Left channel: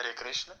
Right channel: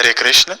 हरे कृष्ण।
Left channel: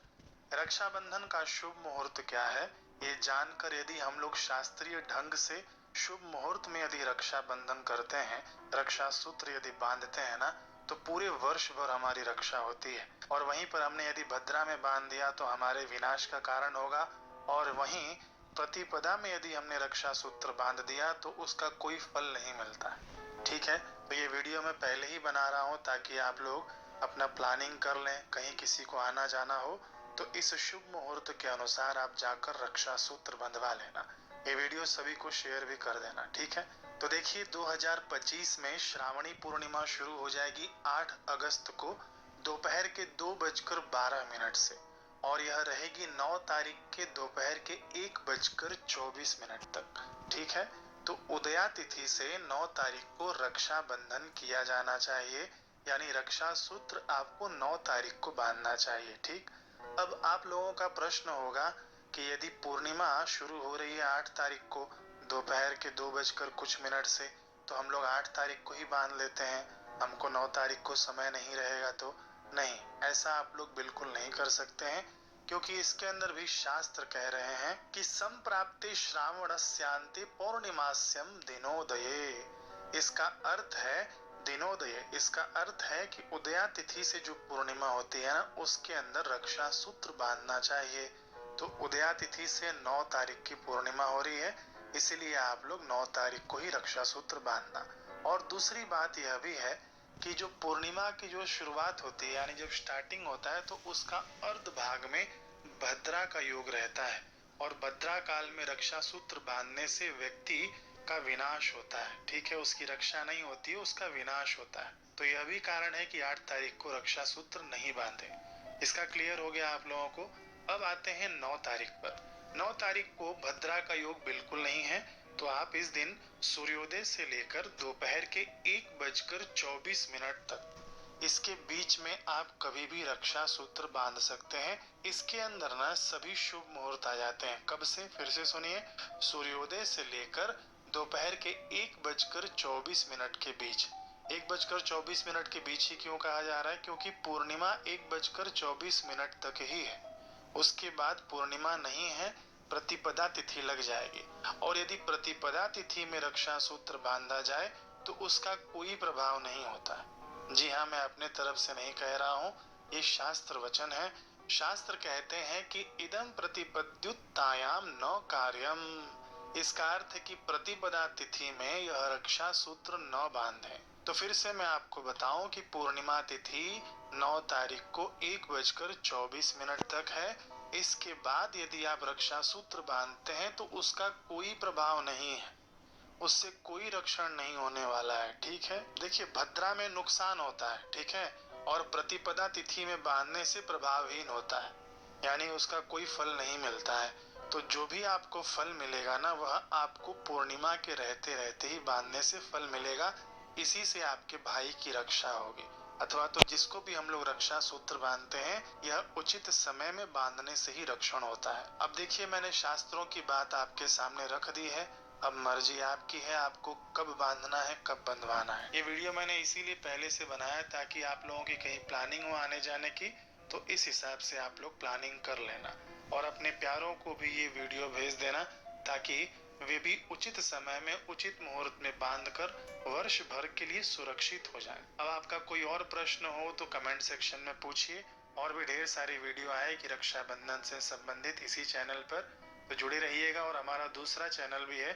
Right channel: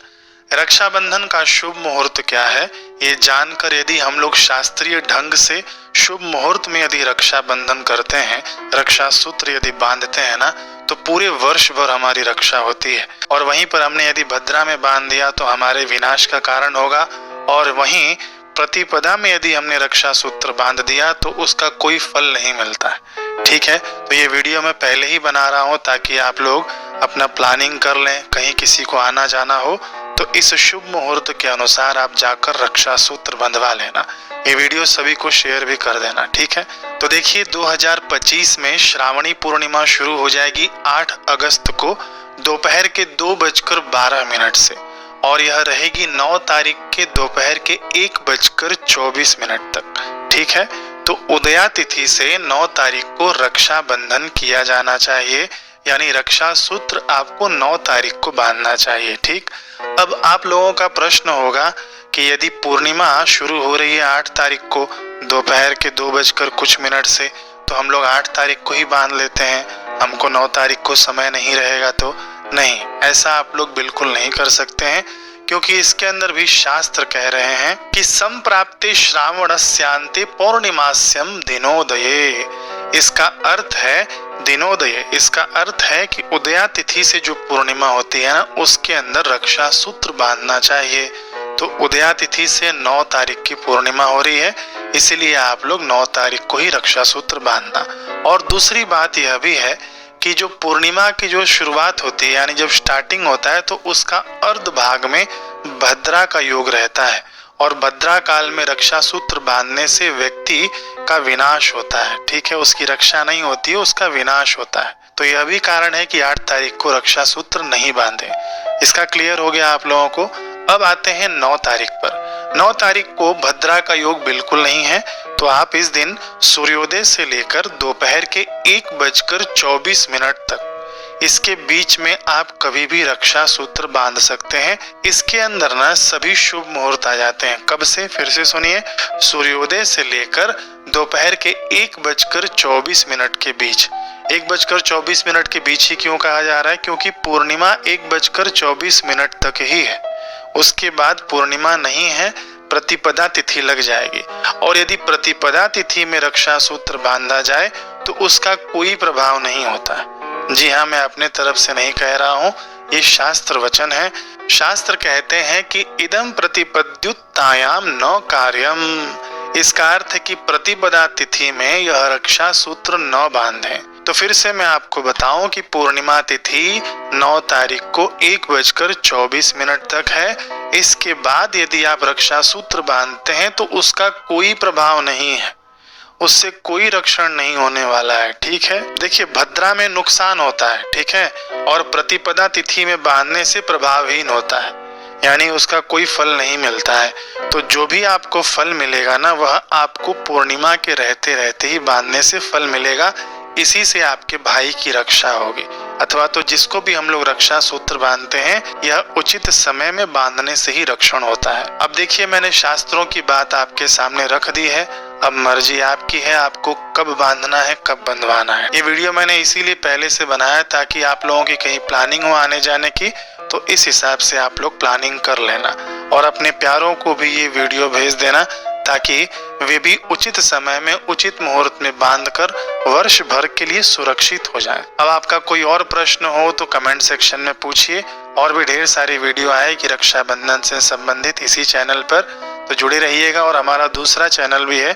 रक्षाबंधन का शुभ मुहूर्त क्या है, ये जानकर यदि हम लोग शास्त्रीय ढंग से शुभ मुहूर्त में यदि रक्षाबंधन करते हैं, रक्षा सूत्र यदि बांधते हैं ना, तो पूरे वर्ष भर हमारी रक्षा होती है। और वहीं पर हमने यदि भद्रा में बांध दिया तो हमारे विनाश का कारण होगा, और वहीं प्रतिपदा में यदि हमने रक्षा सूत्र बांध दिया तो उसका कोई फल नहीं मिलता है। ठीक है, तो ये वीडियो मैं पहले ही बना रहा हूँ ताकि आप लोग अपना प्लानिंग कर लें, कहीं किसी को आना जाना हो तो इस शुभ मुहूर्त के अनुसार आप जाकर रक्षा सूत्र बंधवा लेना। ये वीडियो सभी को शेयर भी कर देना। ठीक है, तो देखिए 2025 में श्रावणी पूर्णिमा शुरू हो जाएगी 8 अगस्त को दोपहर के 2:12 से, और यह रहेगी 9 तारीख के दोपहर के 1:24 तक। ठीक है, तो उदया तिथि से 9 तारीख को रक्षा बंधन किया जाना चाहिए, यानी रक्षा सूत्र आपको 9 तारीख को बांधना चाहिए। ठीक, अब आप लोगों का प्रश्न होगा कि यदि पूर्णिमा शुरू हो रही है 8 तारीख को दोपहर के 2:कुछ से, तो हम लोग 8 तारीख को ही बांध लेते हैं, हमको 9 तारीख को समय नहीं रहेगा। तो नहीं, ऐसा आप लोग बिल्कुल नहीं कर सकते हैं, क्योंकि इसके अंदर भी शास्त्र कह रहे हैं कि संप्राप्ते श्रावणस्यान्ते पौर्णिमास्यम दिनोदये। इसका अर्थ है दिनोदय, इसका अर्थ है कि उदया तिथि से जो पूर्णिमा होती है ना, उसके अंदर रक्षा सूत्र बांधना चाहिए। तो उदया तिथि से 9 तारीख की पूर्णिमा हो रही है, इसीलिए आप लोग 9 तारीख को ही रक्षा सूत्र बांधना। और दूसरी बात यह भी है कि जो पूर्णिमा की जो शुरुआत होती है, यानी जब स्टार्टिंग होता है, तो उसका अर्ध भाग में भद्रा का योग रहता है, और भद्रा काल में रक्षा सूत्र बांधने से व्यक्ति का विनाश होता है। ठीक है, उसकी रक्षा नहीं होती है, उसका विनाश होता है। तो यह भी कारण है कि 8 तारीख को रक्षा सूत्र नहीं बांधे। इसका क्लियर हो गया आप लोगों को। अब आते हैं 9 तारीख पर। 9 तारीख को भद्रा का योग बिल्कुल नहीं है, तो आप इस दिन सूर्योदय से लेकर दोपहर के 1:24 तक, इसके बीच में आप कभी भी रक्षा सूत्र बांध सकते हैं। इसके अंदर ना सभी शुभ मुहूर्त आ जाते हैं। कब से, फिर से सुनिए, सूर्योदय से लेकर दोपहर के 1:24 के बीच। 1:24 के बीच ही क्यों कहा जा रहा है, क्योंकि पूर्णिमा 1:24 तक ही है, उसके बाद पूर्णिमा नहीं है, प्रतिपदा तिथि लग जाएगी। और यदि प्रतिपदा तिथि में रक्षा सूत्र बांधा जाए तो उसका कोई प्रभाव नहीं होता है। जी हाँ, मैं अपने तरफ से नहीं कह रहा हूँ, ये शास्त्र वचन है। शास्त्र कहते हैं कि इदम प्रतिपद्युत्तायाम न कार्यम। इसका अर्थ है कि प्रतिपदा तिथि में यह रक्षा सूत्र न बांधें। तो फिर से मैं आपको बताऊं कि पूर्णिमा तिथि 9 तारीख को 1:24 तक है। इसके बाद यदि आप रक्षा सूत्र बांधते हैं तो उसका कोई प्रभाव नहीं है, उससे कोई रक्षण नहीं होने वाला है। ठीक है, देखिए भद्रा में नुकसान होता है, ठीक है, और प्रतिपदा तिथि में बांधने से प्रभावहीन होता है, यानी उसका कोई फल नहीं मिलता है। तो जो भी आपको फल मिलेगा ना, वह आपको पूर्णिमा के रहते रहते ही बांधने से फल मिलेगा। इसी से आपके भाई की रक्षा होगी, अथवा तो जिसको भी हम लोग रक्षा सूत्र बांधते हैं, यह उचित समय में बांधने से ही रक्षण होता है। अब देखिए, मैंने शास्त्रों की बात आपके सामने रख दी है, अब मर्जी आपकी है आपको कब बांधना है, कब बंधवाना है। ये वीडियो मैंने इसीलिए पहले से बनाया ताकि आप लोगों की कहीं प्लानिंग हो आने जाने की, तो इस हिसाब से आप लोग प्लानिंग कर लेना, और अपने प्यारों को भी ये वीडियो भेज देना ताकि वे भी उचित समय में उचित मुहूर्त में बांधकर वर्ष भर के लिए सुरक्षित हो जाएं। अब आपका कोई और प्रश्न हो तो कमेंट सेक्शन में पूछिए, और भी ढेर सारी वीडियो आएगी रक्षाबंधन से संबंधित इसी चैनल पर, तो जुड़े रहिएगा। और हमारा दूसरा चैनल भी है